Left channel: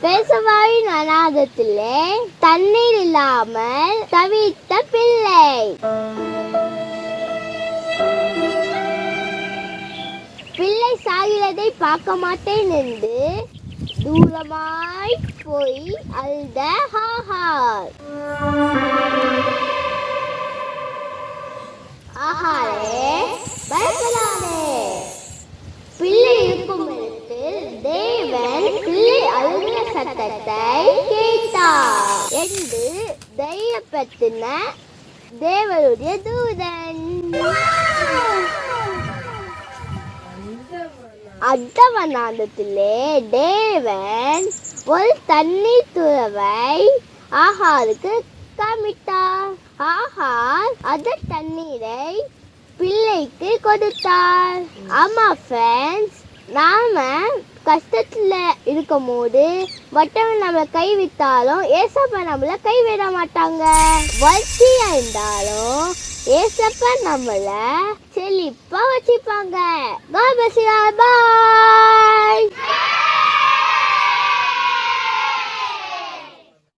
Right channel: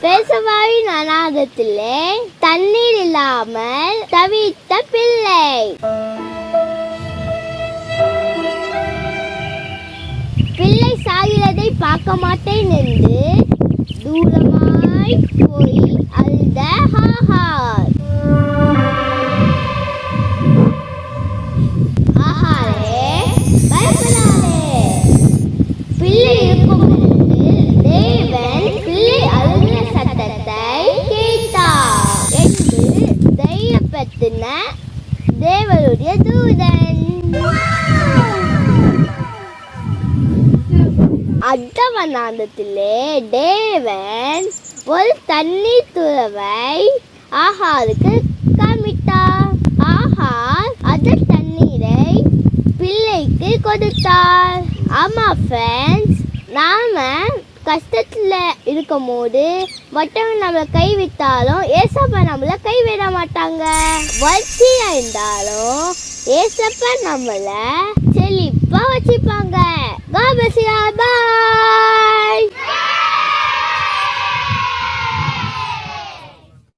பேசவாயின் அநாதத்திலே தண்ணீர் இல்லாமல் தவித்த பிள்ளை. பிள்ளை சாகிறதை பார்க்க மாட்டேன் என்று தூரமாய் போய் அழுத ஹாஹார் ஆஹாரே பயப்படாதே. பிள்ளை இருக்கும் என்று தேவன் பிள்ளை அழுகிற சத்தத்தை கேட்டார் என்று தைரியப்படுத்தின தேவருடைய தூதன். அட்டவனாந்தத்திலே தேவன் ஒரு தண்ணீர் துறவை ஆஹாருக்கு காமித்தார். ஆஹார் அந்த தண்ணீரை பிள்ளைக்கு கொடுத்தார். ஆமா ஃப்ரெண்ட்ஸ் நாம கஷ்டத்துல இருக்கும் போது மற்றவங்க நம்மளை கைவிட்டாலும் ஏசப்பா நம்மளை கைவிட மாட்டாங்க. வளர்ச்சியாக இருந்தாலும் ஏசப்பா நம்மளை செழிப்பா வச்சுப்பாங்க. பாய்